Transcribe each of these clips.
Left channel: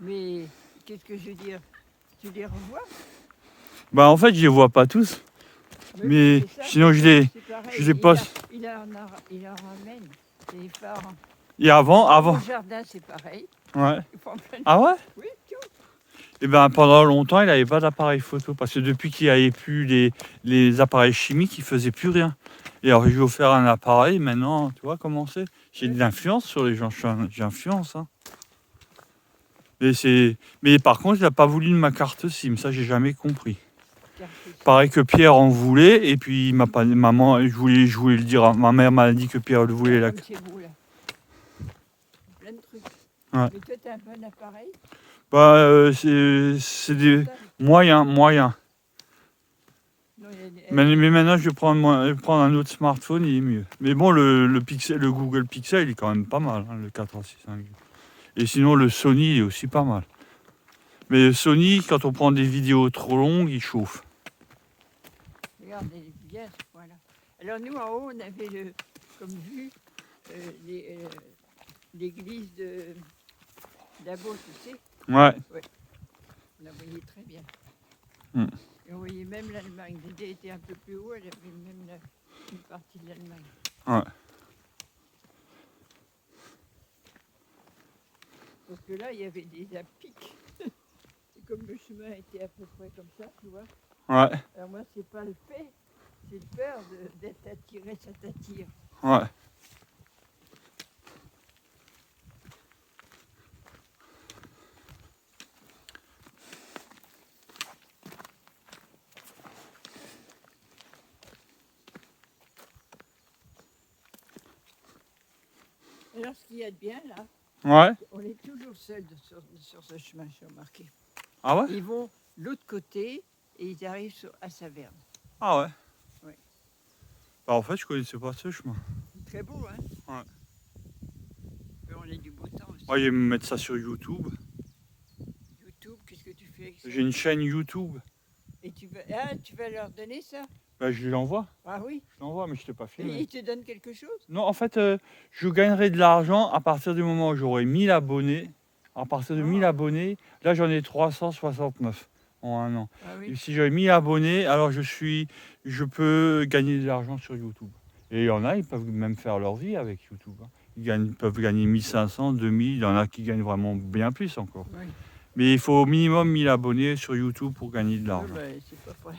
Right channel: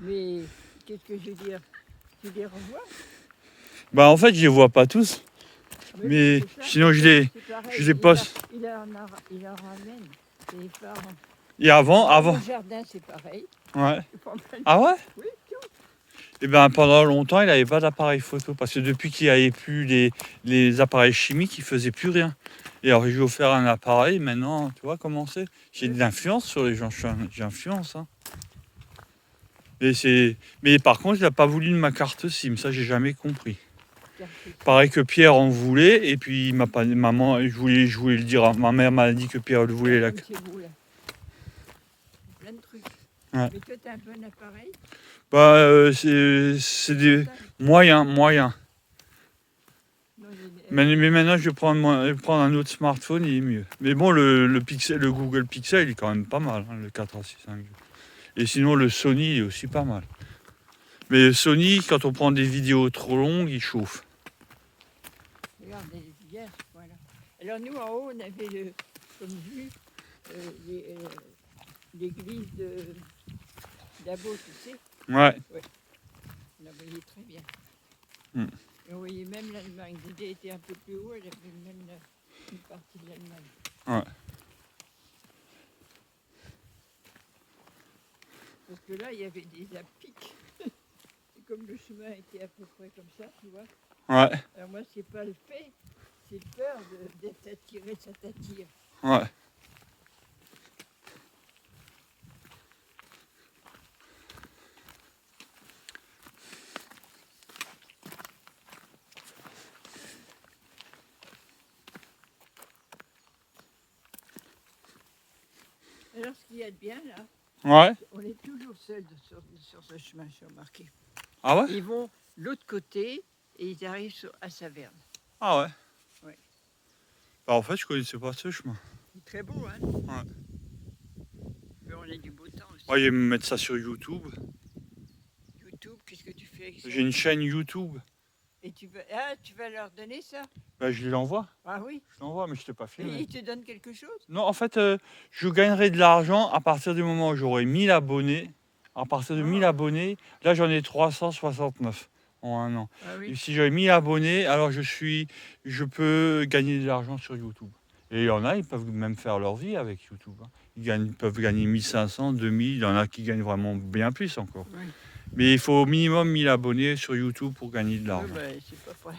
Mais qu'est-ce que je veux dire? Tu les revois? Bah en fait, je les vois pas tous. Mais oui, c'est ça, sinon, je pareil, les poste. il en ramène. Les parents. Et avant. Au jardin, c'est pareil. Ouais. Ils font plein de... Ah ouais? Oui, tout. Et ben pendant longtemps, il n'avait pas d'appareil photo. Parce que depuis qu'il n'y avait plus les appareils chimiques, il faisait plus rien. Et alors, je lui ai offert un appareil. Maintenant, tu vois comment c'est? J'ai de l'influence sur les gens. J'influence. Hein. Mais par contre, il n'a pas voulu de ma carte SIM. Ça, j'ai jamais compris. Pareil que Pierre en voulait. Et puis, il m'a pas... Maman, je voulais le dire. Ma mère m'a dit que Pierre le voulait. Comme chez vous, là. Plein de trucs. Ouais. Mais toi, tu as un bon appareil? Bah, c'est des moyens. Non, mais maintenant, je vais prendre un autre smartphone, il est mieux. Mais bon, le Google Pixel, il est quand même pas mal, hein, le 465. Et sinon, le Sony est aussi pas mal. Mais le Sony, quand on prend des vidéos trop longues, il chauffe. Regarde, bien ce point-là. Alors nous, en haut, on avait comme vue l'église d'Abo, tu sais. Ouais. On la voyait très bien. Et on voyait même l'Allemagne. Dédé était un peu plus haut, elle avait même une partie de l'Allemagne. Ouais. Parce que là, il y avait des pics. Et comme le chemin était à peu près comme ça, tu vois. Ouais. Alors moi, c'est pas le fait, c'est le peur d'être attiré, ça t'attire. Ouais. Alors, ce qu'il y a de bien, là, ouais. On est toujours seuls sur ce chemin, j'ai remarqué. Ah ouais? Ils vont de l'autre côté et ils arrivent à Saverne. Ah ouais? Ouais. Bah, en fait, je connaissais pas ce chemin. C'est très beau, hein? Ouais. Mais on a du beau temps aussi. Moi, je vais me mettre ça sur YouTube. YouTube, qu'est-ce que tu fais avec ça? J'ai une chaîne YouTube. Et tu vas leur donner ça? Bah, je l'envoie. Ah oui? Je l'envoie, mais je t'ai pas filmé. Et ils te donnent quelque chose? Non, en fait, je gagnerai de l'argent à partir du moment où j'aurai 1000 abonnés. À partir de 1000 abonnés, là j'en ai 369 en un an. Ah oui. Et si j'ai 1000 abonnés, alors je peux gagner de l'argent sur YouTube. Et il y en a, ils peuvent même faire leur vie avec YouTube. Hein. Ils peuvent gagner 1500, 2000, il y en a qui gagnent vraiment bien plus encore. Oui. Mais il faut au minimum 1000 abonnés sur YouTube pour gagner de l'argent. Oui, bah, c'est pas vrai.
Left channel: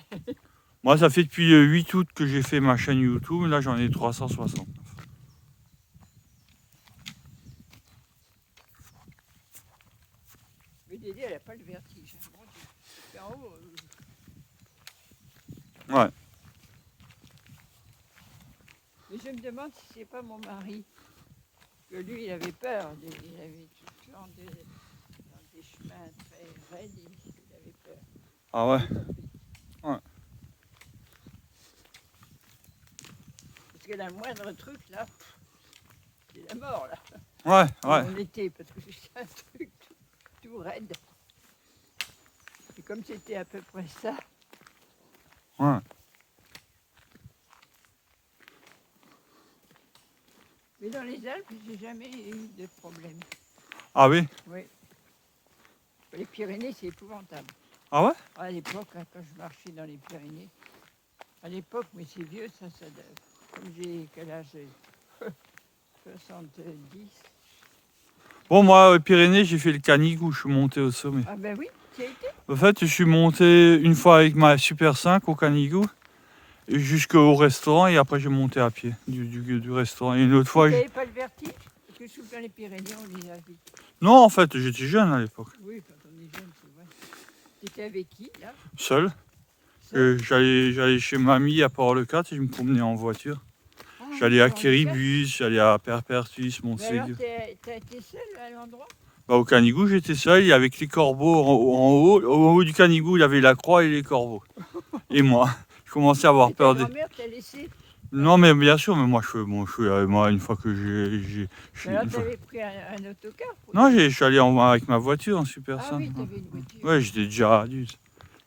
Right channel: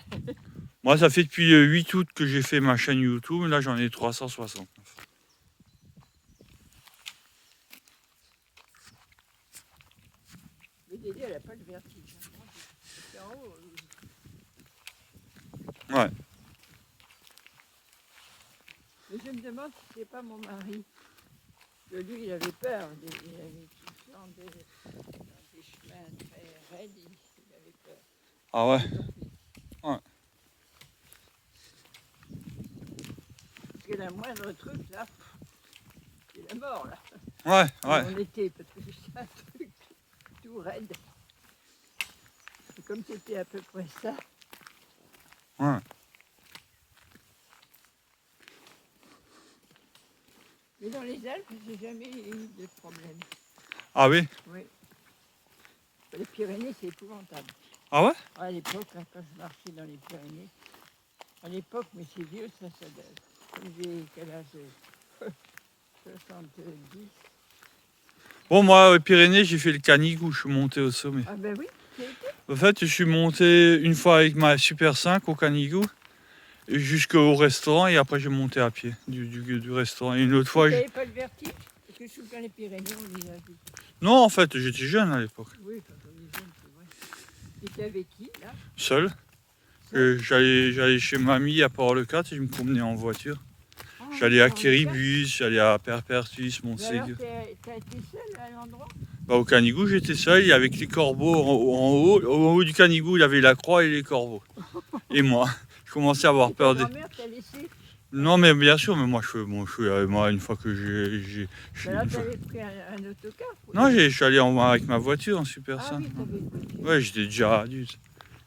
Moi, ça fait depuis le 8 août que j'ai fait ma chaîne YouTube. Là, j'en ai 369. Mais Dédé, elle n'a pas le vertige. Hein. C'est en haut. Ouais. Mais je me demande si c'est pas mon mari. Que lui, il avait peur. Il avait tout dans des chemins très raides. Il avait peur. Ah ouais? Ouais. Parce que le moindre truc, là, c'est la mort, là. Ouais, ouais. On était, parce que c'est un truc tout raide. Et comme c'était à peu près ça. Ouais. Mais dans les Alpes, j'ai jamais eu de problème. Ah oui? Oui. Les Pyrénées, c'est épouvantable. Ah ouais? À l'époque, hein, quand je marchais dans les Pyrénées, à l'époque, mais c'est vieux, ça comme j'ai quel âge? 70. Bon, moi, aux Pyrénées, j'ai fait le Canigou, je suis monté au sommet. Ah ben oui, tu y as été? En fait, je suis monté une fois avec ma Super 5 au Canigou, jusqu'au restaurant, et après j'ai monté à pied du restaurant. Et une autre fois... Tu n'avais pas le vertige? Parce que je suis dans les Pyrénées, on y a vu. Non, en fait, j'étais jeune à l'époque. Oui, quand on est jeune, c'est vrai. Tu étais avec qui, là? Seul. J'allais chez mamie à Port-le-4 et je me promenais en voiture. J'allais à Kiribus, j'allais à Perpertus, Montségur. T'as été seul à l'endroit? Bah, au Canigou, j'étais seul, avec les corbeaux en haut. Au haut du Canigou, il y avait la croix et les corbeaux. Et moi, je commençais à avoir peur Ta grand-mère t'a laissé? Non, mais bien sûr, mais moi, moi une fois que Alors, t'avais pris un autocar? Non, je suis allé avec ma voiture en Super 5. Ah oui, t'avais une voiture. Ouais, j'étais déjà adulte.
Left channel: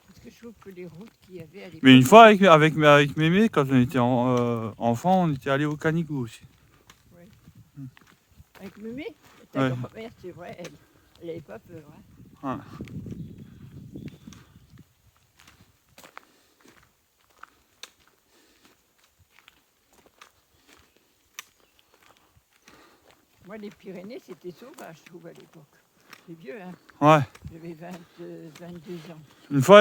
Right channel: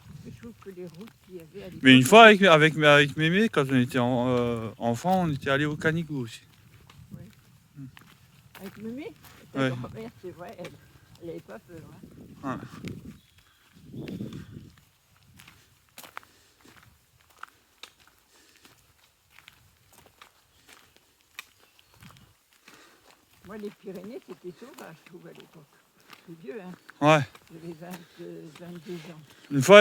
Parce que je trouve que les routes qu'il y avait à l'époque... Mais une fois, avec Mémé, quand on était enfant, on était allé au Canigou aussi. Oui. Avec Mémé? Ta grand-mère, c'est vrai, Elle n'avait pas peur. Hein. Ouais. Moi, les Pyrénées, c'était sauvage, je trouve, à l'époque. C'est vieux, hein. Ouais. J'avais 22 ans.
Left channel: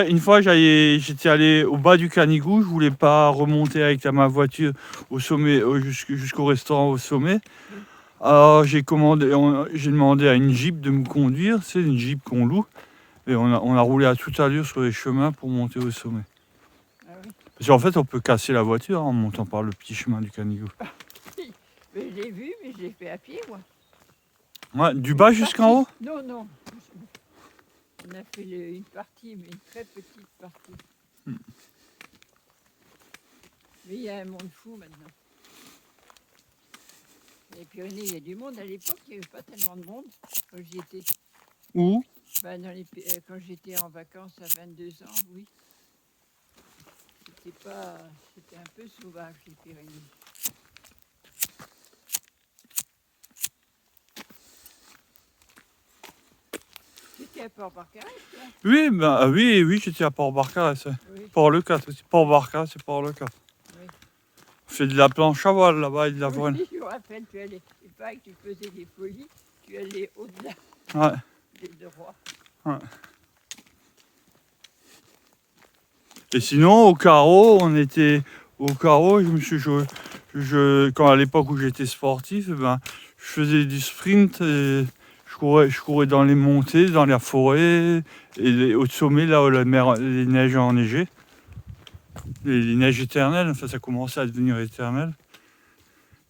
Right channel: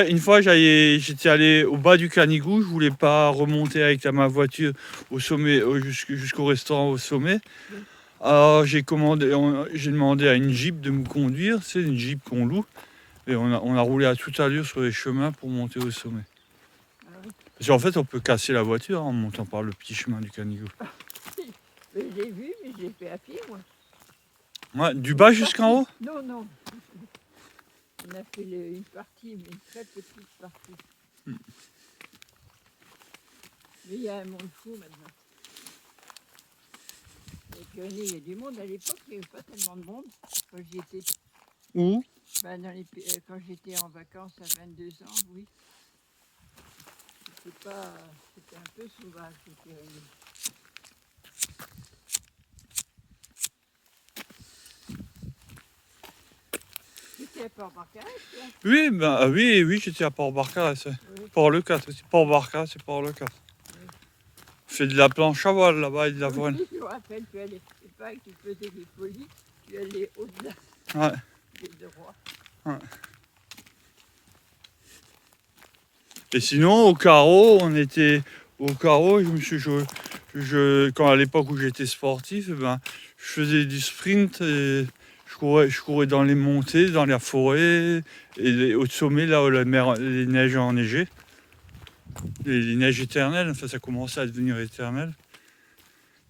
Une fois j'étais allé au bas du Canigou, je voulais pas remonter avec ma voiture au sommet, jusqu'au restaurant au sommet. Oui. Alors j'ai demandé à une Jeep de me conduire, c'est une Jeep qu'on loue. Et on a roulé à toute allure sur les chemins pour monter au sommet. Ah oui. Parce qu'en fait on peut casser la voiture en montant par le petit chemin du Canigou. Mais je l'ai vu, mais je l'ai fait à pied, moi. Ouais, du bas jusqu'en haut? Non, non. On a fait une partie, mais une très petite partie. Mais il y a un monde fou maintenant. Les Pyrénées, il y a du monde. À l'époque, il n'y avait pas tellement de monde quand j'y étais. Où? Ben, quand j'étais en vacances à 22 ans, oui. C'était un peu sauvage, les Pyrénées. C'était à Port-Barcarès, toi? Oui, oui, j'étais à Port-Barcarès. Oui, Port-le-4, c'est Port-Barcarès, c'est Port-le-4. oui. On fait de la planche à voile là-bas et de la voile. Oui, je me rappelle, c'est pas que tu faisais des folies, tu allais au-delà Ouais. des droits. Ouais. Et sinon, au carreau, quand à l'époque où j'étais sportif, je faisais du sprint et je courais dans les montées, dans la forêt, et au sommet, là où les neiges enneigées, les neiges éternelles, enfin ça commençait à devenir éternel.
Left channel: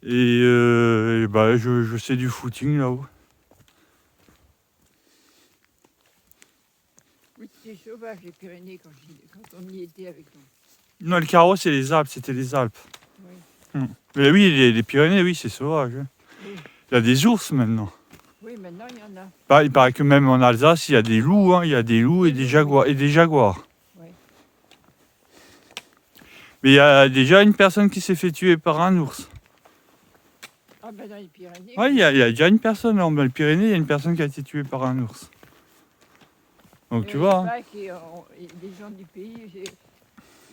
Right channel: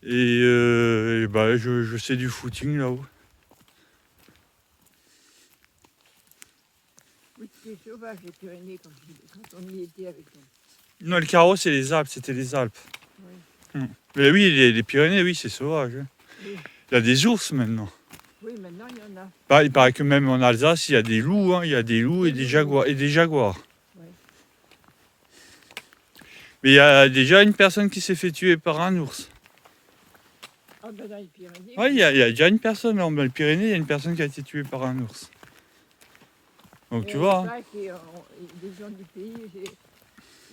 Et je faisais du footing là-haut. Oui, c'était sauvage, les Pyrénées, quand on y était avec nous. Non, le carreau, c'est les Alpes, c'était les Alpes. Oui. Mais oui, les Pyrénées, oui, c'est sauvage. Hein. Oui. Il y a des ours maintenant. Oui, maintenant il y en a. Il paraît que même en Alsace, il y a des loups, hein. Il y a des loups et des jaguars. Oui. Et des jaguars. Oui. Mais il y a déjà une personne qui s'est fait tuer par un ours. Ah ben dans les Pyrénées. Oui, il y a déjà une personne, dans les Pyrénées, il y a une personne qui a été tuée par un ours. Donc tu vois. Hein. Les gens du pays,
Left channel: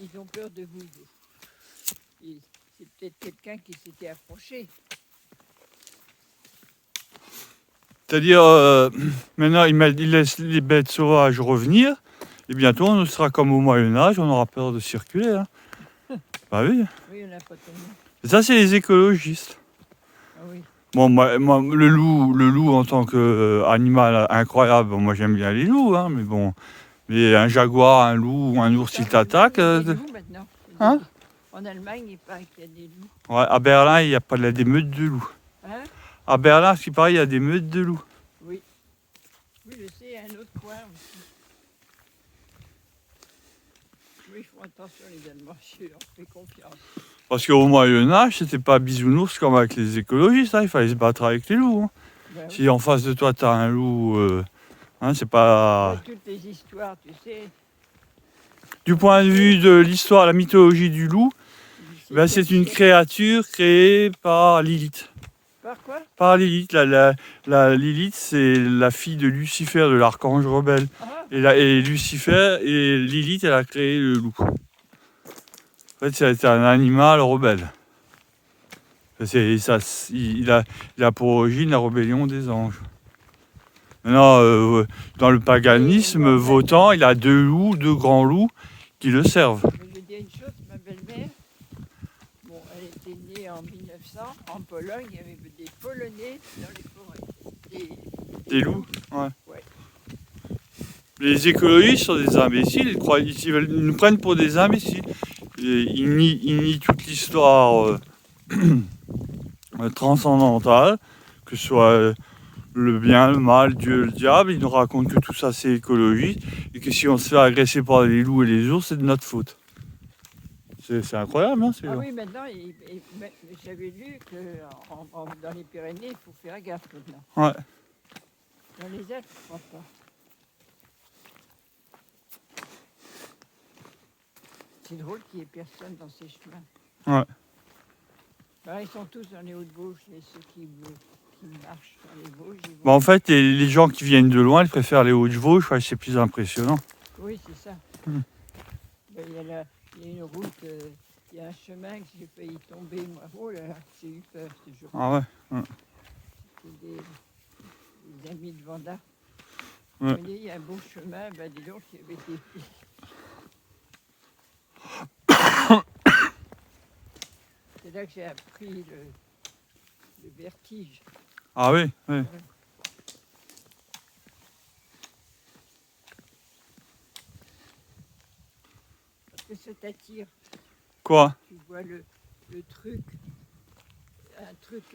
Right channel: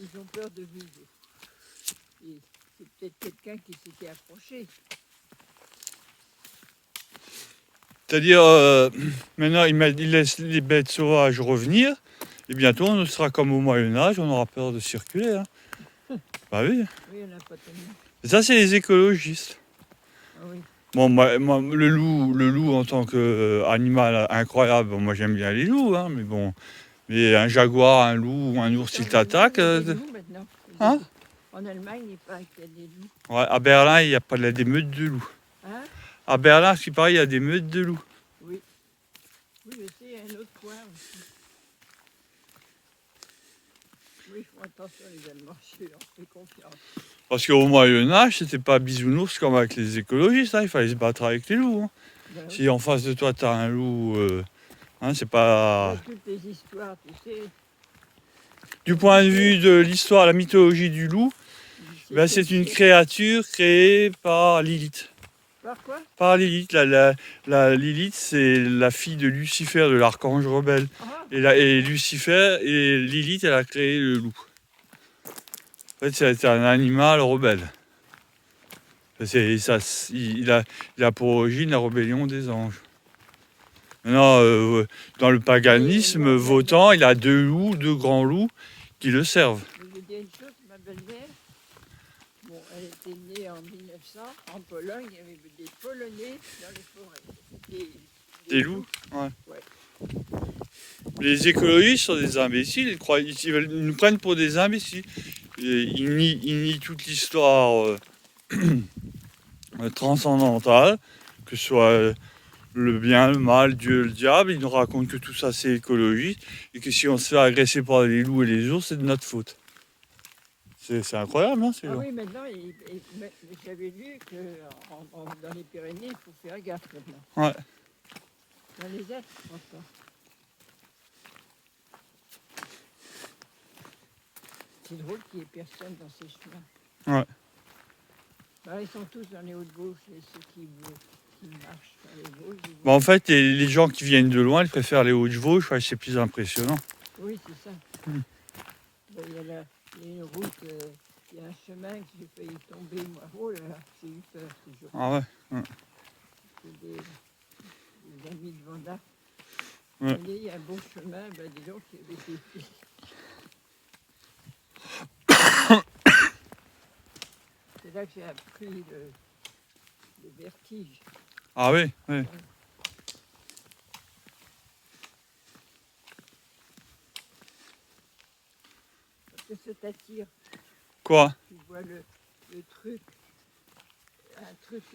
ils ont peur de vous. C'est peut-être quelqu'un qui s'était approché. C'est-à-dire, maintenant, il laisse les bêtes sauvages revenir. Et bientôt, on sera comme au Moyen-Âge, on aura peur de circuler. Hein. Bah oui. Oui, il n'y en a pas tellement. Et ça, c'est les écologistes. Ah oui. Bon, moi, le loup en tant qu'animal incroyable, moi j'aime bien les loups, hein, mais bon. Mais un jaguar, un loup ou un ours qui t'attaque. Il y a des loups maintenant. Hein? En Allemagne, il paraît qu'il y a des loups. Ouais, à Berlin, il n'y a pas des meutes de loups. Hein? À Berlin, ce qui paraît, il y a des meutes de loups. Oui. Oui, je sais, un autre coin aussi. Oui, ils font attention les Allemands, je leur fais confiance. Parce qu'au Moyen-Âge, c'était pas bisounours comme avec les écologistes, hein, il fallait se battre avec les loups. Hein. Ben, oui. Si en face de toi, tu as un loup, hein, c'est pas... Ben, toutes les histoires, tu sais. Du point de vue de l'histoire, la mythologie du loup, c'est une créature créée par Lilith. Par quoi? Par Lilith. La Lilith, c'est la fille de Lucifer, de l'archange rebelle. Ah, Et Lucifer, et Lilith, elle a créé le loup. En fait, c'est un animal rebelle. Il a pour origine la rébellion des anges. Maintenant, dans le paganisme votant, il a deux grands loups qui le servent. Je vais dire une chose, ma belle-mère, bon, elle était née en 1900, en Pologne, il y avait des Polonais dans les forêts. Des loups? Ouais. Ouais. Les écologistes sont des imbéciles, ils nous prennent pour des imbéciles. Et ils nient toute l'histoire transcendantale, que ce soit le bien, le mal, Dieu, le diable. Ils nous racontent que tout ça c'est écologique et que si on se fait agresser par les loups et les ours, c'est de notre faute. C'est incroyable, hein, Ah oui, maintenant, j'avais lu que dans les Pyrénées, il faut faire gaffe maintenant. Ouais. Dans les Alpes, je crois pas. C'est drôle qu'il n'y ait personne dans ces chemins. Ouais. Ben, ils sont tous dans les Hauts-de-Vosges, ceux qui ils marchent dans les Vosges. Ils vont- Bah, en fait, les gens qui viennent de loin, ils préfèrent les Hauts-de-Vosges, ouais, c'est plus impressionnant. Oui, c'est ça. Mm. Ben, il y a une route, il y a un chemin que j'ai failli tomber, moi. Oh là là, j'ai eu peur ce jour. Ah ouais. C'est des amis de Vanda. Ouais. Vous voyez, il y a un beau chemin, ben dis donc, il y avait des... C'est là que j'ai appris le vertige. Ah oui, oui. Parce que ça t'attire. Quoi? Tu vois le truc,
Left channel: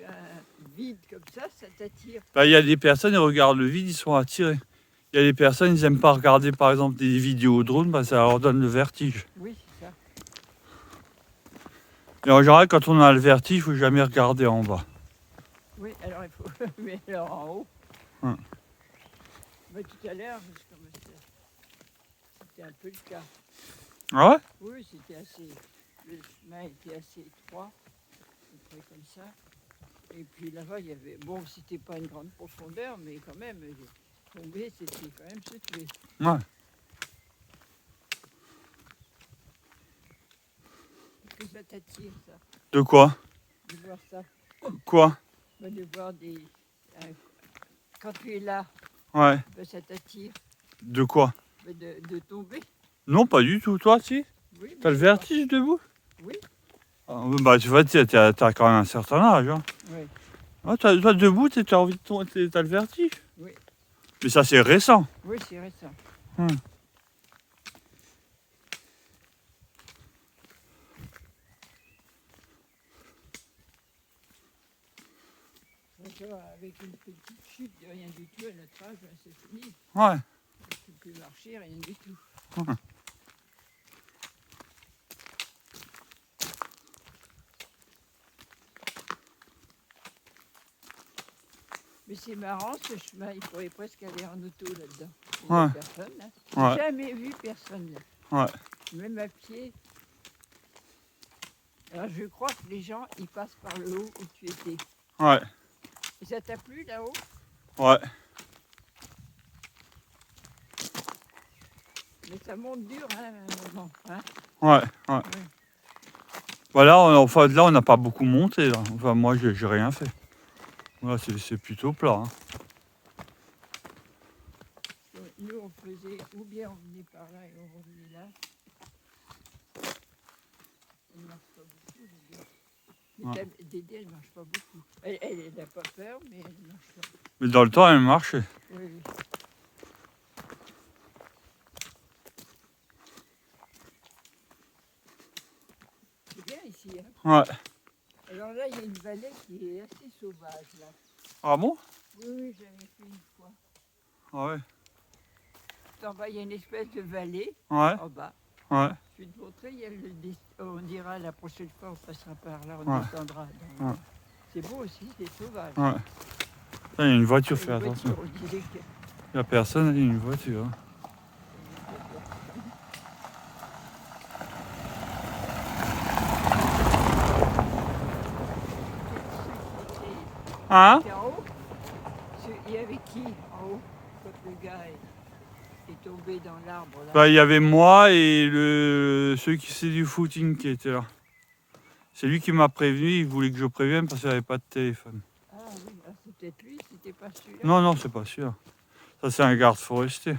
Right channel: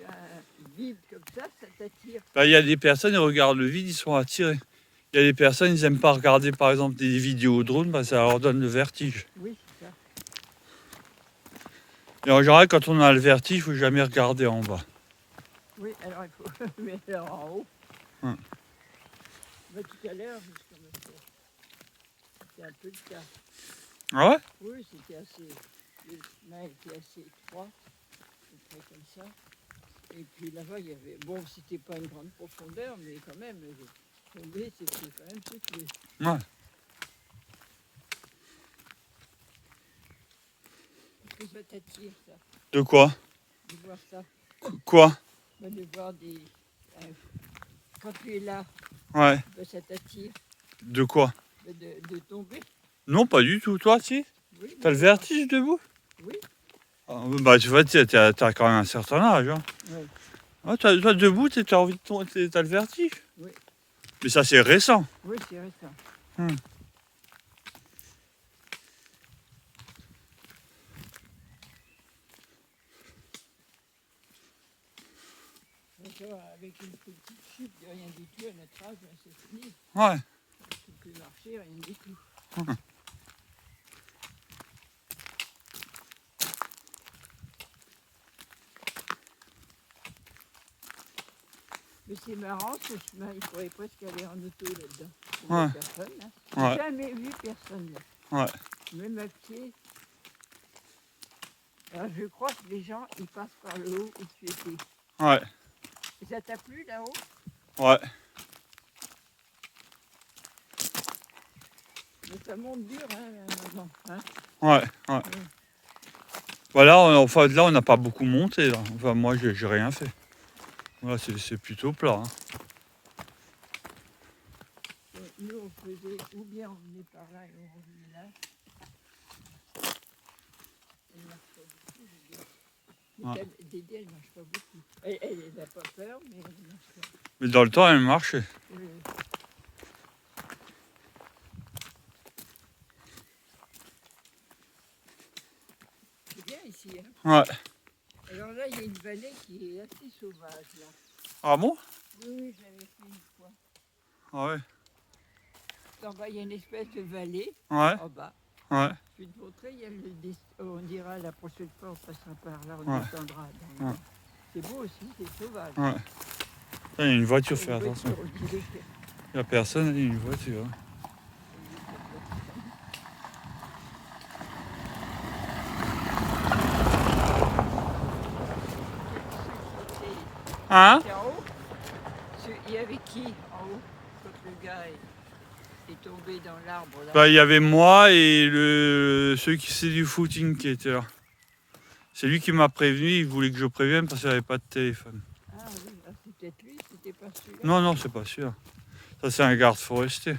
un vide comme ça t'attire. Bah, il y a des personnes, ils regardent le vide, ils sont attirés. Il y a des personnes, ils n'aiment pas regarder par exemple des vidéos drone, bah, ça leur donne le vertige. Oui, c'est ça. Et en général, quand on a le vertige, il ne faut jamais regarder en bas. Oui, alors il faut mais alors en haut. Ouais. Mais tout à l'heure, c'était un peu le cas. Ah ouais? Oui, c'était assez. Le chemin était assez étroit, à peu près comme ça. Et puis là-bas, il y avait. Bon, c'était pas une grande profondeur, mais quand même, tomber, c'était quand même secoué. Ouais. Est-ce que ça t'attire, ça, De quoi? de voir ça? Quoi? Ben, de voir des. Quand tu es là, Ouais. ben, ça t'attire. De quoi? Ben, de tomber. Non, pas du tout. Toi, si? Oui. T'as le vertige debout? Oui. Ah, bah, tu vois, t'as quand même un certain âge. Hein. Oui. Ah, toi, debout, t'as envie de tomber, t'as le vertige? Oui. Mais ça, c'est récent. Oui, c'est récent. Avec une petite chute de rien du tout à notre âge, c'est fini. Ouais. On ne peut plus marcher, rien du tout. Mais c'est marrant ce chemin, il pourrait presque aller en auto là-dedans. Il n'y a Ouais. personne. Hein. Ouais. J'ai jamais vu personne là. Ouais. Même à pied. Alors je crois que les gens, ils passent par le haut où tu étais. Ouais. Et ça t'a plu là-haut? Ouais. Mais ça monte dur, hein, à un moment. Hein? Ouais. Ouais. Voilà, enfin, là, on n'a pas beaucoup monté. Là. Enfin, moi, j'ai rien fait. Voilà, c'est plutôt plat. Hein. Donc, nous, on faisait, ou bien on venait par là et on revenait là. Elle ne marche pas beaucoup, Dédé. Ouais. Dédé, elle ne marche pas beaucoup. Elle n'a pas peur, mais elle ne marche pas. Mais dans le temps, elle marchait. Oui, oui. C'est bien ici, hein. Ouais. Alors là, il y a une vallée qui est assez sauvage, là. Ah bon? Oui, oui, j'avais fait une fois. Ah ouais. En bas, il y a une espèce de vallée, Ouais. en bas. Ouais. Je vais te montrer, il y a on dira la prochaine fois, on passera par là, on Ouais. descendra. Ouais. C'est beau aussi, c'est sauvage. Ouais. Il y a une voiture, Et fais une attention. voiture, on dirait que- Il n'y a personne, il y a une voiture. Hein. Hein? C'est en haut. Il y avait qui en haut quand le gars est tombé dans l'arbre là? Bah, il y avait moi et celui qui c'est du footing qui était là. C'est lui qui m'a prévenu, il voulait que je prévienne parce qu'il n'avait pas de téléphone. Ah oui, ah, c'est peut-être lui, c'était pas celui-là. Non, non, c'est pas sûr. Ça, c'est un garde forestier.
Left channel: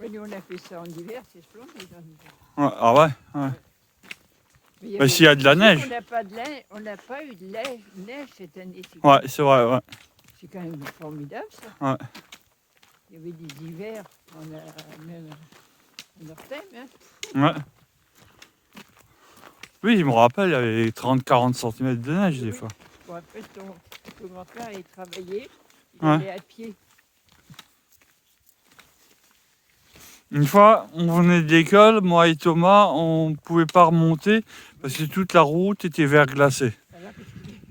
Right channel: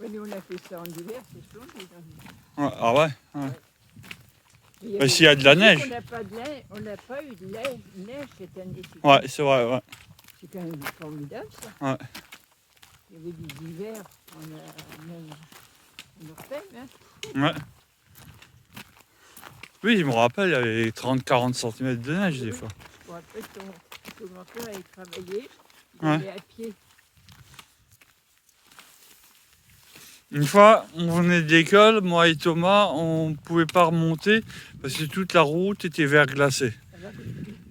Oui, nous on a fait ça en hiver, c'est splendide en hiver. Ouais, ah ouais, ouais. Mais il y Bah, s'il y a de la vu neige. On n'a pas eu de neige cette année. Ouais, c'est vrai, ouais. C'est quand même formidable ça. Ouais. Il y avait des hivers, même en Ortem, hein. Ouais. Oui, je me rappelle, il y avait 30-40 cm de neige des Oui. fois. Bon, après, ton grand-père allait travailler, il Ouais. allait à pied. Une fois, on venait de l'école, moi et Thomas, on ne pouvait pas remonter parce que toute la route était verglacée. Alors,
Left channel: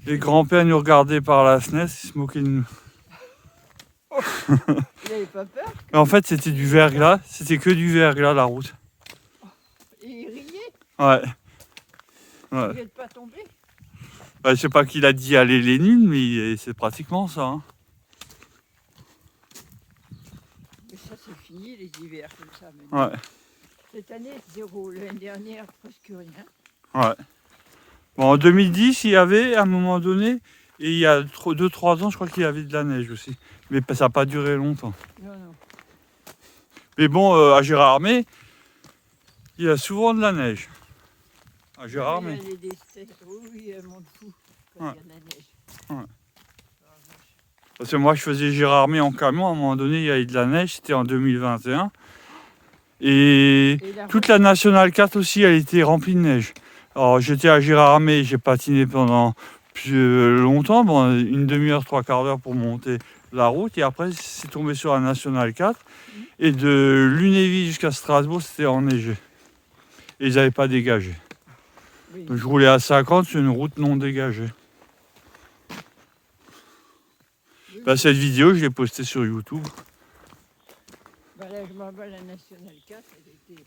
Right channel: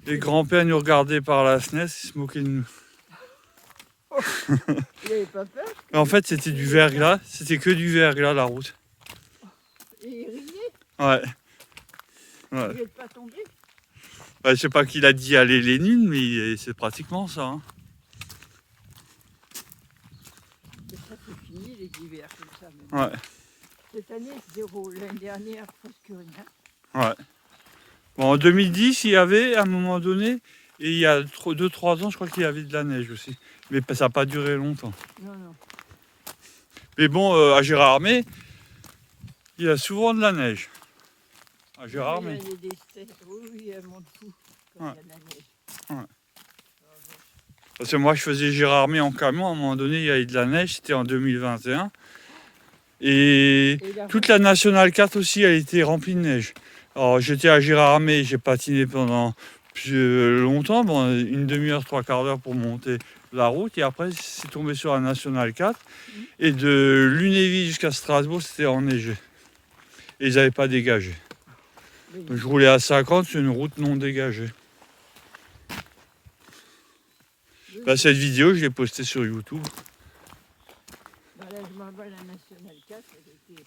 Et grand-père nous regardait par la fenêtre, il se moquait de nous. il n'avait pas peur? Mais en fait, c'était du verglas, c'était que du verglas la route. Ouais. Ouais. Vous n'êtes pas tombé? Bah, je sais pas qui l'a dit à Lénine, mais c'est pratiquement ça. Hein. Mais ça, c'est fini, les hivers comme ça maintenant. Ouais. Cette année, 0. L'année dernière, presque rien. Ouais. Bon, en 2010, il y avait à un moment donné, et il y a 2-3 ans, je crois qu'il y avait de la neige aussi. Mais ça n'a pas duré longtemps. Non, non. Mais bon, à Gérardmer, il y a souvent de la neige. À Oui, Gérardmer. il y a des oui, elle monte fou quand Ouais. il y a de la neige. Ouais. Ah, bon. Parce que moi, je faisais Gérardmer en camion, à un moment donné, il y avait de la neige, c'était en 2021. Et Et la toute route, la Nationale 4 aussi, elle était remplie de neige. Alors, j'étais à Gérardmer, j'ai patiné pendant plus longtemps, bon, une demi-heure, 3/4 d'heure pour monter la route. Et après, c'est tombé sur la Nationale 4. Mhm. Et de Lunéville jusqu'à Strasbourg, c'était enneigé. Et ils n'avaient pas dégagé. oui. Donc, je roulais à 50 sur une route non dégagée. Oui, Bah, oui. cette vidéo, je l'ai postée sur YouTube. Bah là, je m'en vais à la Nationale 4, elle était...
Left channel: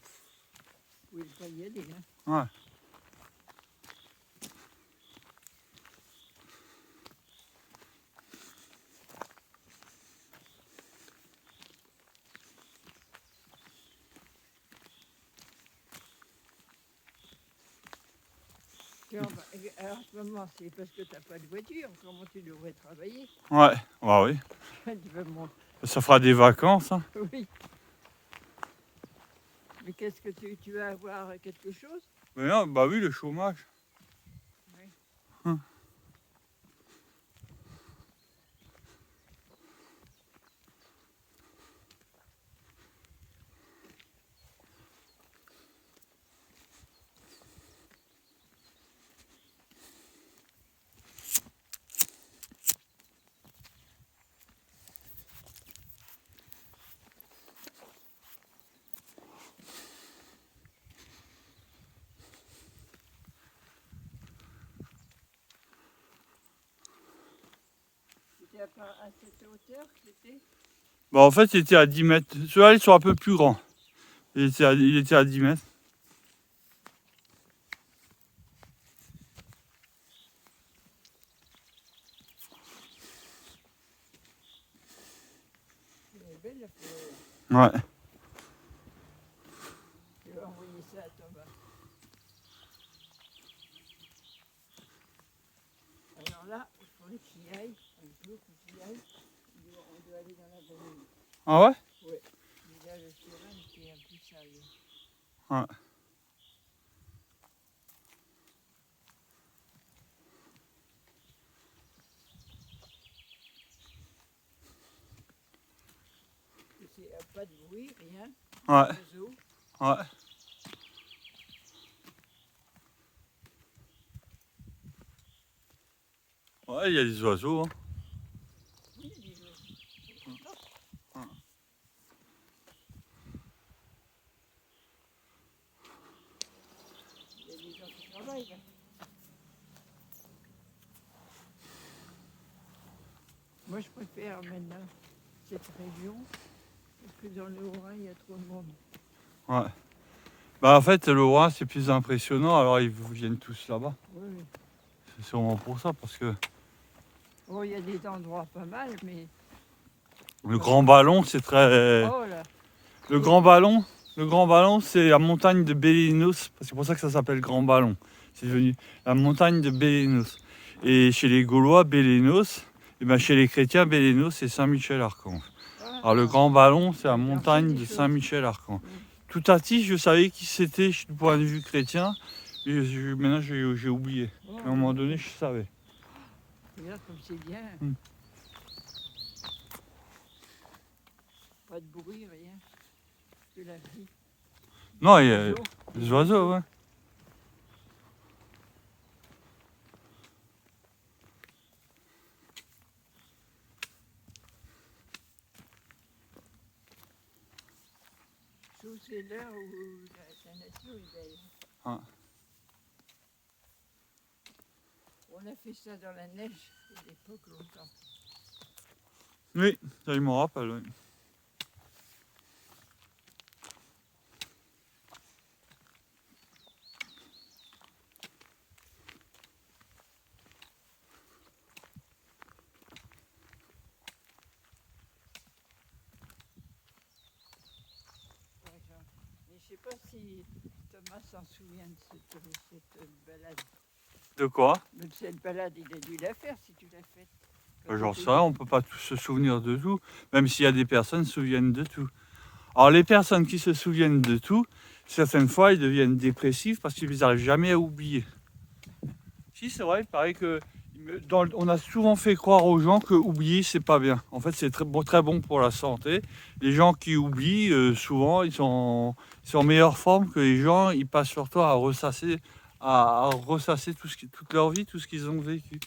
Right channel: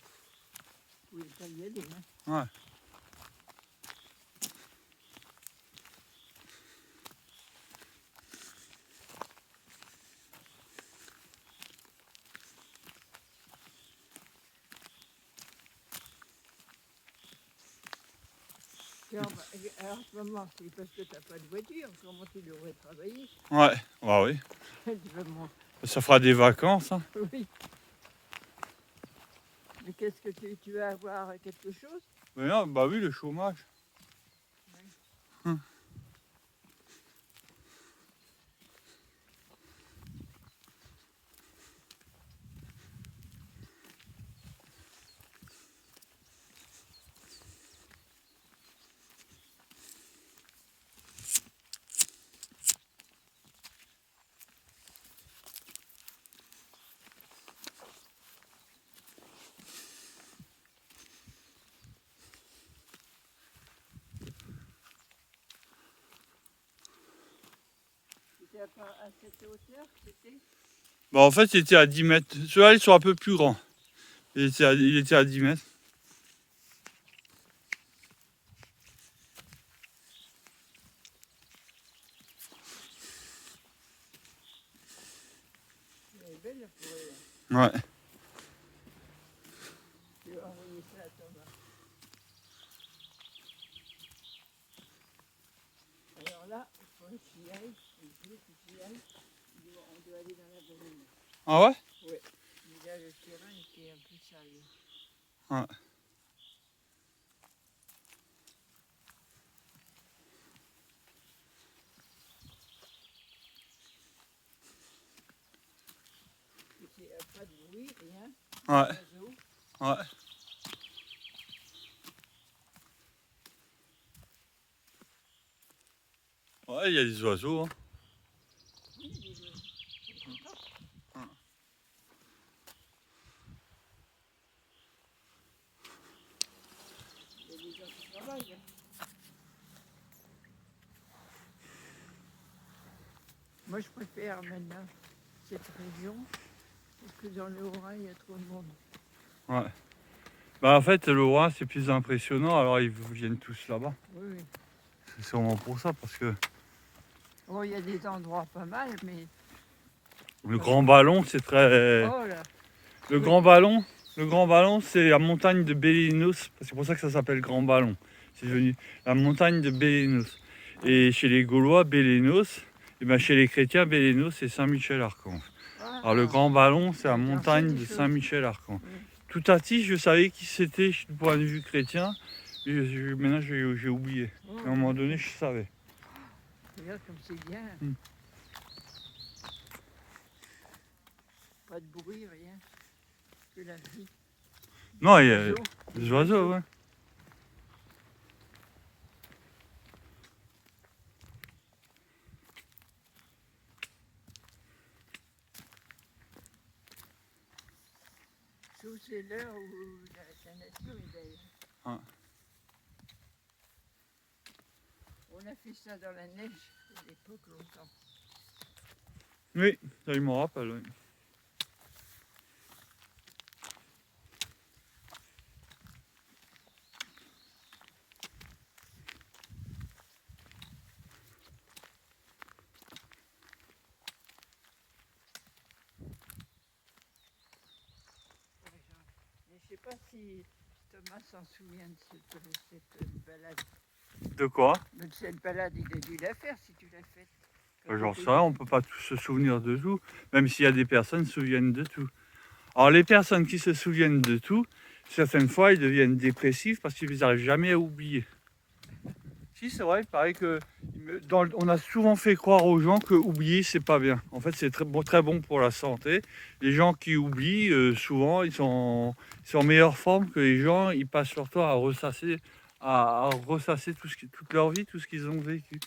Vous pouvez pas y aller, hein. Ouais. Tiens, bah, alors, en ce moment, c'est parce que tu n'as pas de voiture. Comment tu devrais travailler? Ouais, bah oui. Tu vas monter. Ça fera des vacances. Hein. Oui. Mais qu'est-ce que tu vas avoir quelque chose? Mais non, bah oui, le chômage. Oui. Hum. C'était à cette hauteur que c'était? Bah en fait, il était à 10 mètres. Ceux-là, ils sont un peu plus grands. Il était à 10 mètres. Elle est belle la forêt. Ouais. Je vais envoyer ça à Thomas. Alors là, il faudrait qu'il y aille. Il faut qu'il y aille. On doit aller dans la vallée. Ah ouais? Oui. Mais là, le terrain était un peu sale. Ouais. Il n'y a pas de bruit, rien. Ouais. Oiseaux. Ouais. Ouais, il y a des oiseaux. Hein. Oui, il y a des oiseaux. Ouais. Il y a des gens qui travaillent là. Moi, je préfère maintenant cette région parce que dans le Haut-Rhin, il y a trop de monde. Ouais. Bah en fait, le Haut-Rhin, c'est plus impressionnant, alors ils viennent tous là-bas. Oui, oui. C'est sûrement pour ça, parce que Bon, il y a des endroits pas mal, mais... le Grand Ballon, c'est très... Oh là! Le Oui. Grand Ballon, c'est la montagne de Bélénos. C'est pour ça que ça s'appelle Grand Ballon. C'est devenu la montagne de Bélénos. Et chez les Gaulois, Bélénos, et ben chez les chrétiens, Bélénos, c'est Saint-Michel-Archange. Alors le Grand Ballon, c'est la montagne de Saint-Michel-Archange. Tout à petit, je savais qui c'était du point de vue chrétien, mais maintenant j'ai oublié. Oh, Mais à un moment donné, je savais. regarde comme c'est bien. Mm. Pas de bruit, rien. Que la vie. Non, il y a Oiseaux. des oiseaux, ouais. Je trouve que c'est l'heure où la nature est belle. Ah. On a fait ça dans la neige à l'époque longtemps. Oui, ça, il me rappelle, oui. pas si Thomas s'en souvient de cette balade. De quoi? Mais cette balade, il a dû la faire si tu l'as faite. J'en sais rien, on peut pas tous se souvenir de tout, même s'il y a des personnes qui se souviennent de tout. Alors les personnes qui se souviennent de tout, certaines fois ils deviennent dépressifs parce qu'ils n'arrivent jamais à oublier. Si c'est vrai, il paraît que on a souvent fait croire aux gens que oublier c'est pas bien. En fait c'est très bon pour la santé. Les gens qui oublient, souvent ils sont en meilleure forme que les gens, ils passent leur temps à ressasser toute leur vie, tout ce qu'ils ont vécu.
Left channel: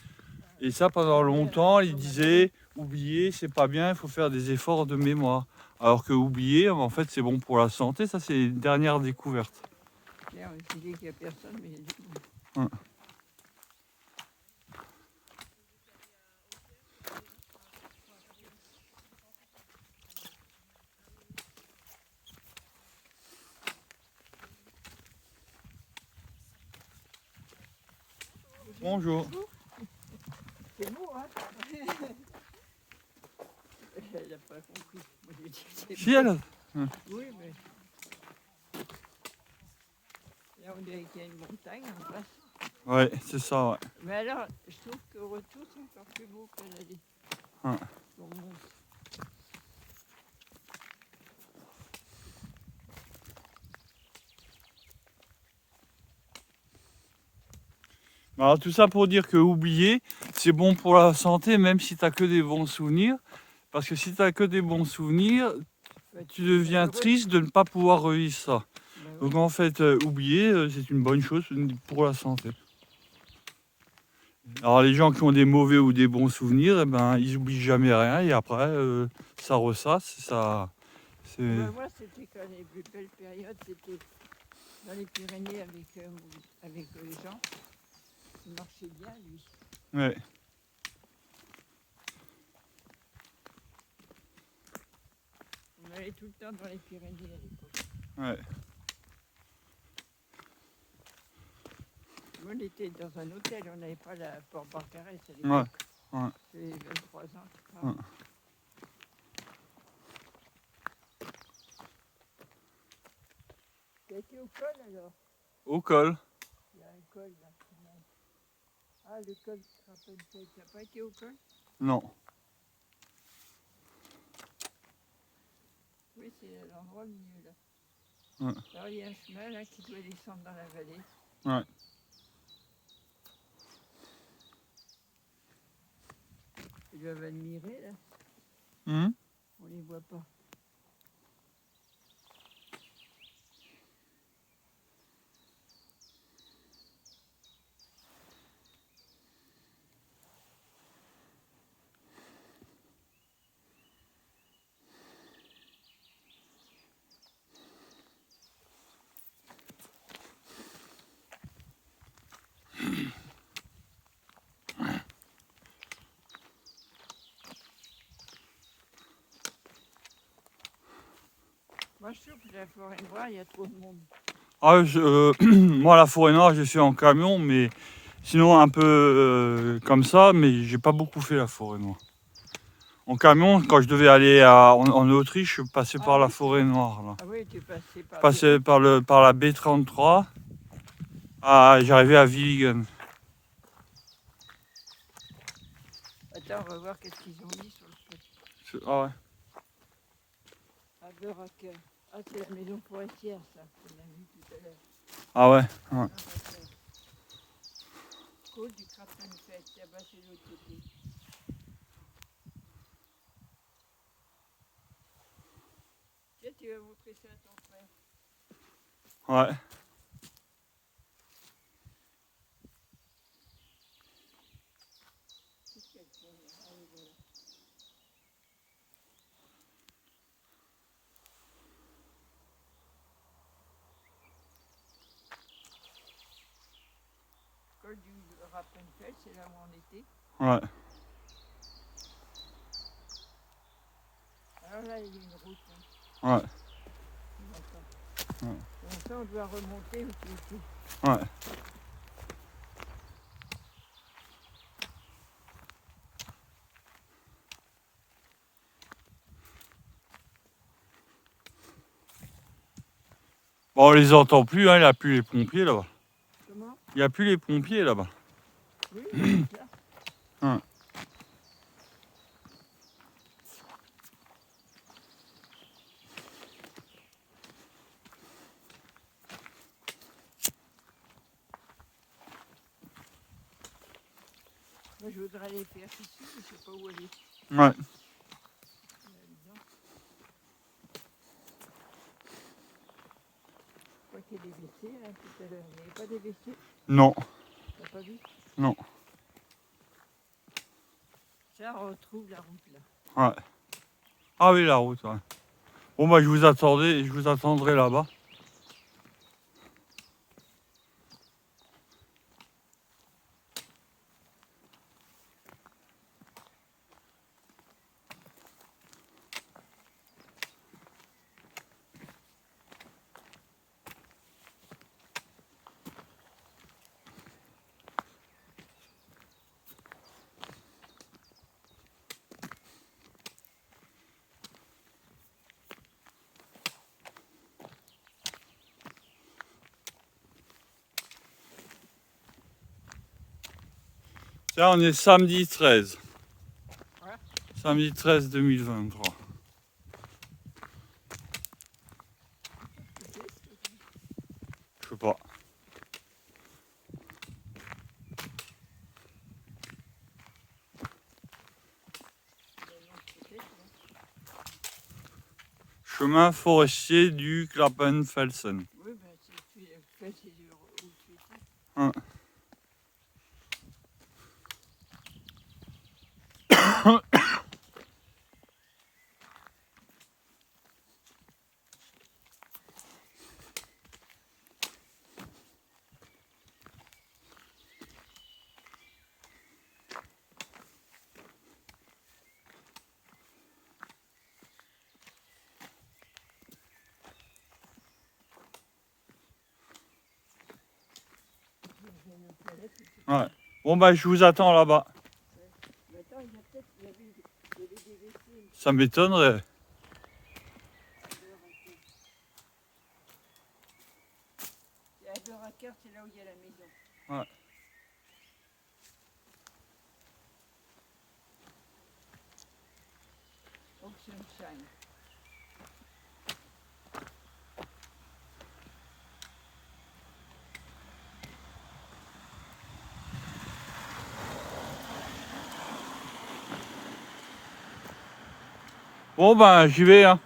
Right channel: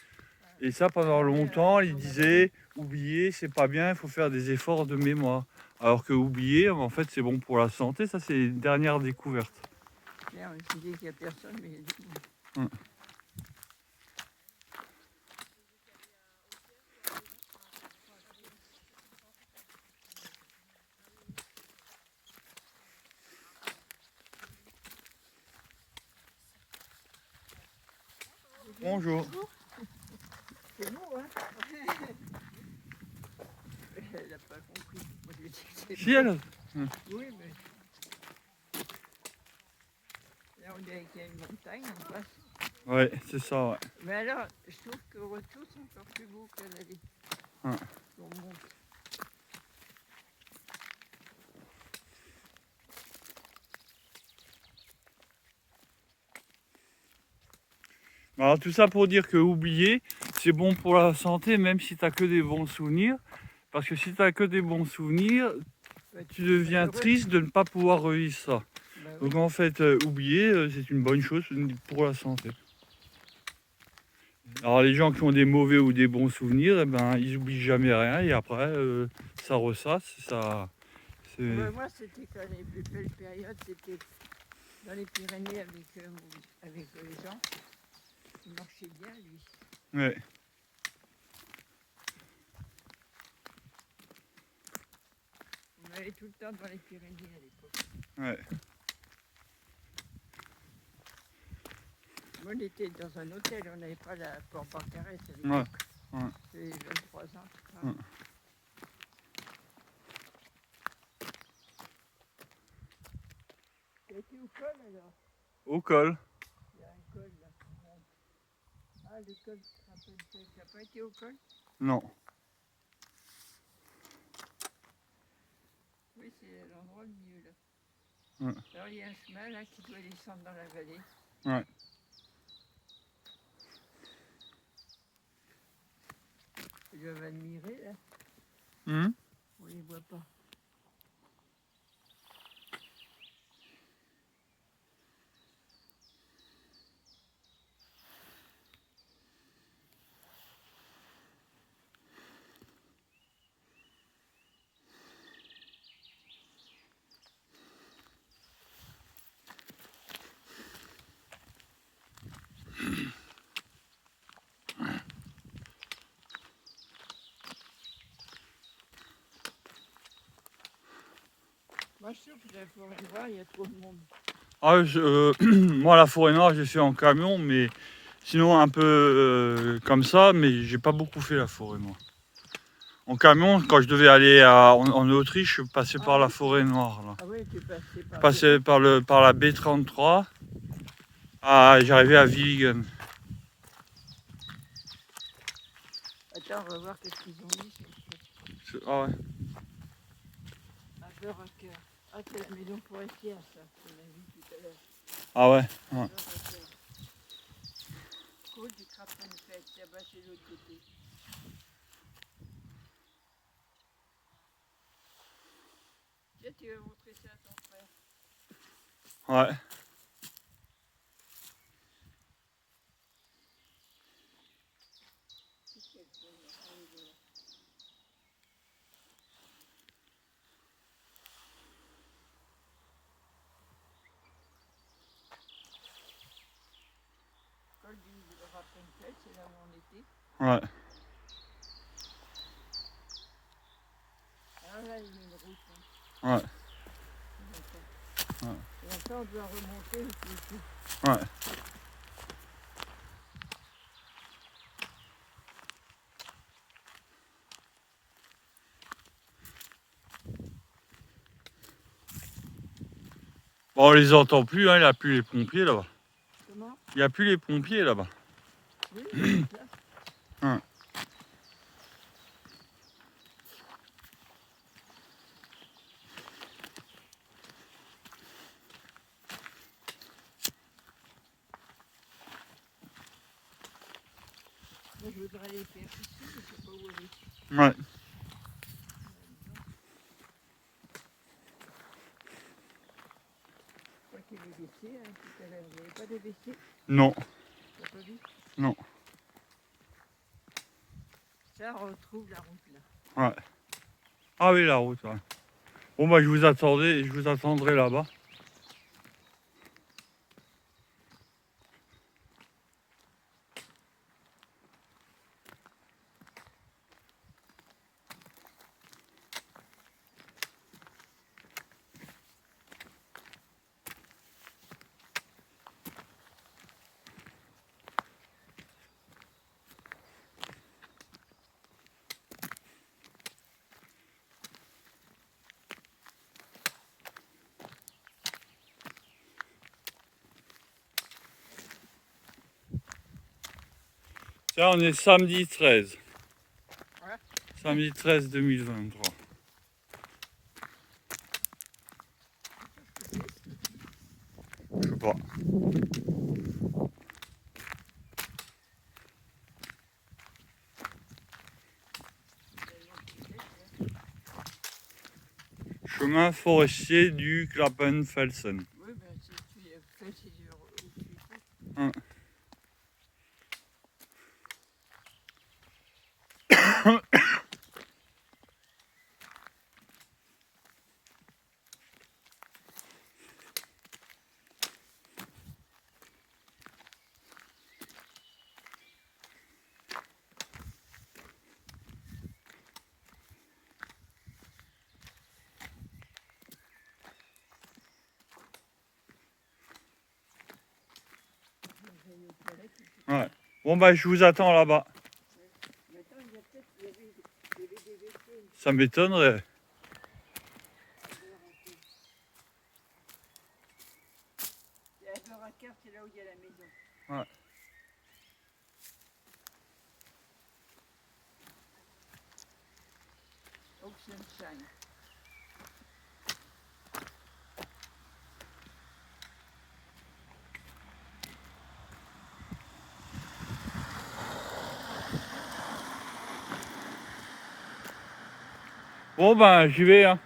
Et ça pendant longtemps, ils disaient oublier c'est pas bien, il faut faire des efforts de mémoire. Alors que oublier, en fait, c'est bon pour la santé. Ça, c'est une dernière découverte. Tiens, je dis qu'il n'y a personne, mais il y a du monde. Ouais. Bonjour. C'est bon, hein? Elle n'a pas compris. Moi, j'ai dit, c'est Si bon. elle. Oui, mais. Là, on dirait qu'il y a une montagne en face. Ouais, c'est ça, ouais. Mais alors, je trouve que le retour, c'est encore plus beau que l'aller. Ouais. On monte. Alors tout ça pour dire que oublier, c'est bon pour la santé, même si tu n'as que des bons souvenirs. Parce que si tu n'as que des bons souvenirs, tu deviens triste de ne pas pouvoir revivre ça. Bah oui. Donc en fait, oublier, c'est une bonne chose pour la santé. Alors les gens qui ont des mauvais ou des bons souvenirs, eh ben, ils oublient jamais rien et après, ça ressasse. Bah, moi, c'était quand les plus belles périodes, c'était dans les Pyrénées avec les gens. Il marchait bien, lui. Ouais. On allait tout le temps dans les Pyrénées à l'époque. Ouais. Moi, on était dans un hôtel, on n'avait pas la Port Barcarès à l'époque. Ouais. J'avais 23 ans, je crois. Ouais. Tu as été au col alors? Au col. Il y a un col là. Ah, le col tu n'as pas été au col? Non. Oui, c'est l'endroit au milieu là. Ouais. Alors il y a un chemin là qui doit descendre dans la vallée. Ouais. Ils doivent admirer là. On les voit pas. Moi je trouve que la forêt noire, il y a trop de monde. Ah, moi, la forêt noire, j'ai fait en camion, mais sinon un peu comme ça, mais j'ai pas beaucoup fait la forêt noire. En camion, quand je devais aller en Autriche, je passais par la forêt noire. Là. Ah oui, tu es passé par. Je passais par la B33. J'arrivais à Vigan. Attends, on va voir qu'est-ce qu'ils ont mis sur le truc. Ah ouais. À Beracker. Ah, c'est la maison forestière, ça. On l'a vu tout à l'heure. Ah ouais. Ouais. Côte du Crapon de Fête, là-bas c'est l'autre côté. Là, tu vas montrer ça à ton frère. Ouais. Qu'est-ce qu'elle fait là? Allez, voilà. Col du Rappenfeld, c'est là où on était. Ouais. Alors là, il y a une route. Ouais. Ouais. Et après, on doit remonter aussi. Ouais. Bon, on les entend plus, hein, il n'y a plus les pompiers là-bas. Comment? Il n'y a plus les pompiers là-bas. Oui, c'est ça. Hein. Moi, je voudrais aller faire ici, mais je ne sais pas où aller. Ouais. Je crois qu'il y a des WC, hein, tout à l'heure. Il n'y avait pas des WC? Non, T'as pas vu? non. Ça, on retrouve la route là. Ouais. Ah oui, la route, ouais. Bon, bah, je vous attendrai là-bas. Là, on est samedi 13. Ouais. Samedi 13 2023. Je sais pas. Chemin forestier du Klappenfelsen. Oui, ben, si tu fais ces heures où tu étais. Hein. Ouais. Bon, bah, je vous attends là-bas. Mais attends, il y a peut-être il y avait des WC Ça m'étonnerait. à Beuraquer. Et à Beuraquer, c'est là où il y a la maison. Ouais. Oxenstein. Bon, ben, j'y vais, hein.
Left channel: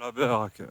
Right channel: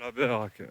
La Beracker.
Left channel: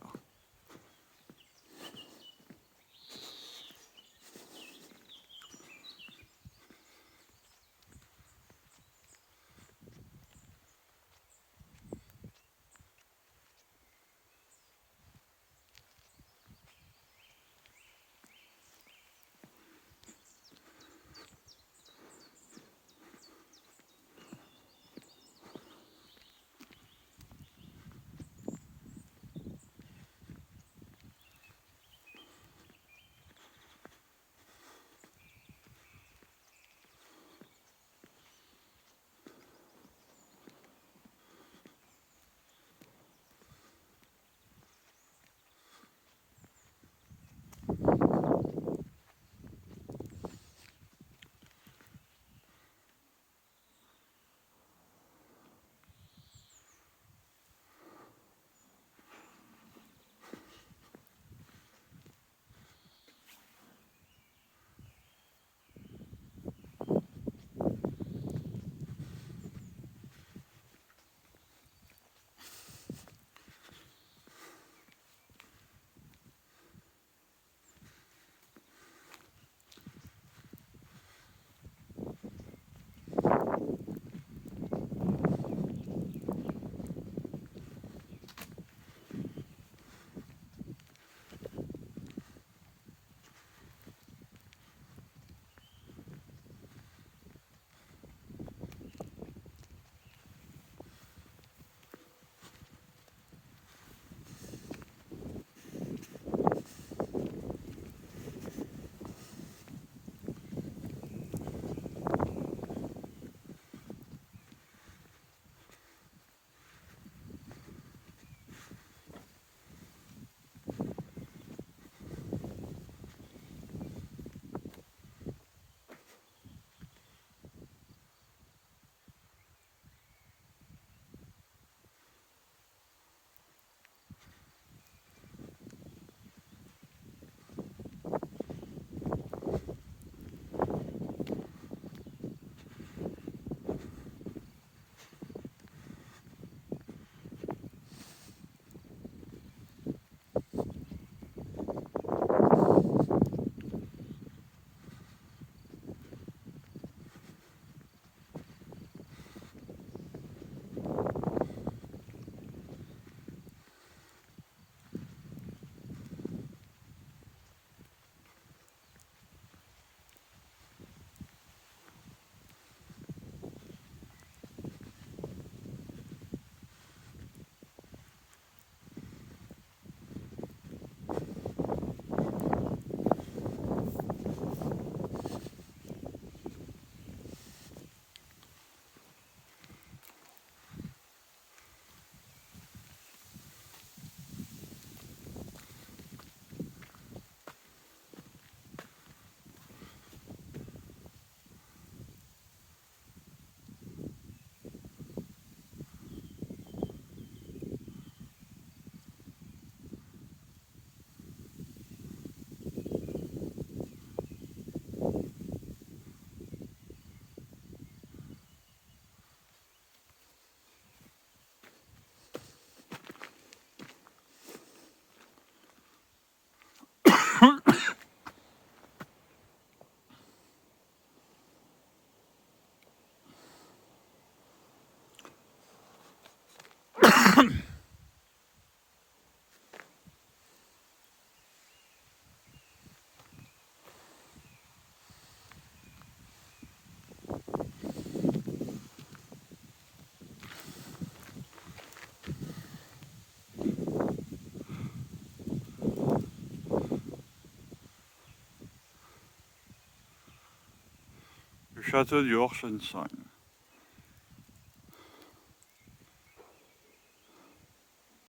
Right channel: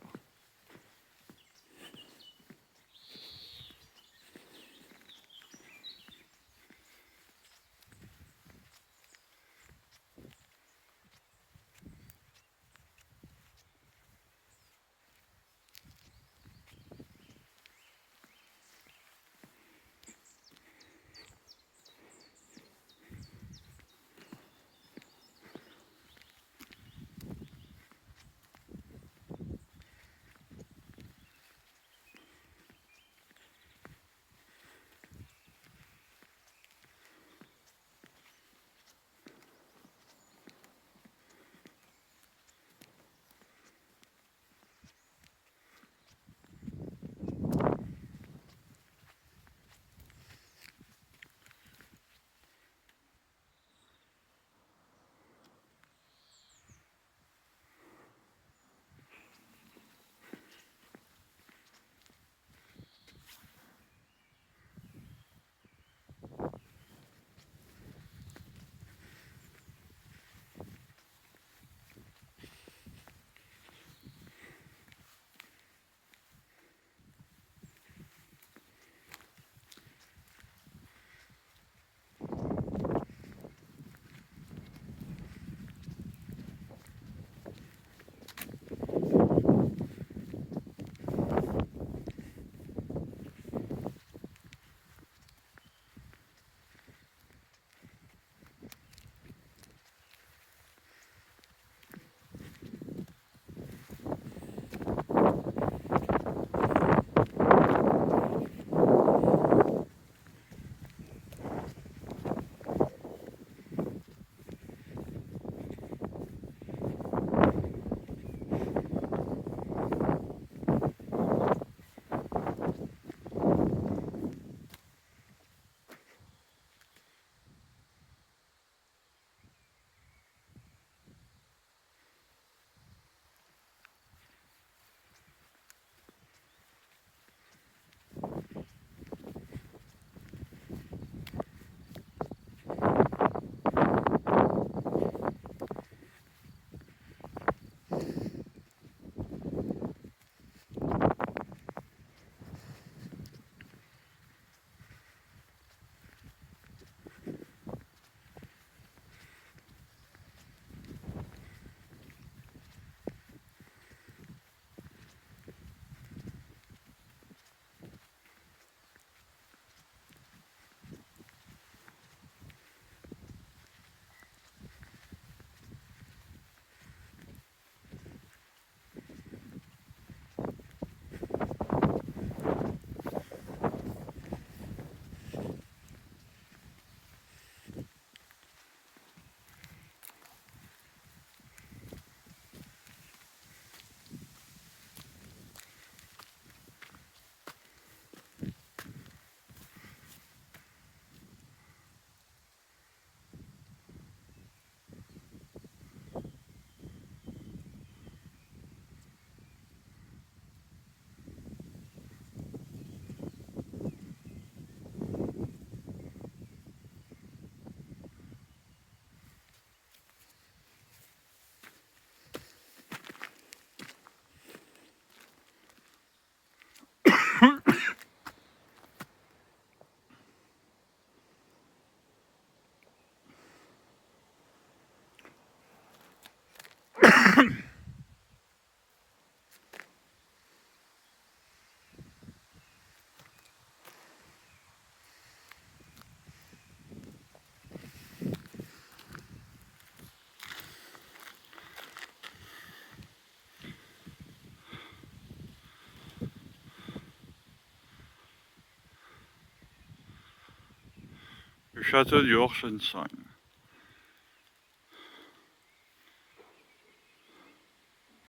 Le château du Horschensheim.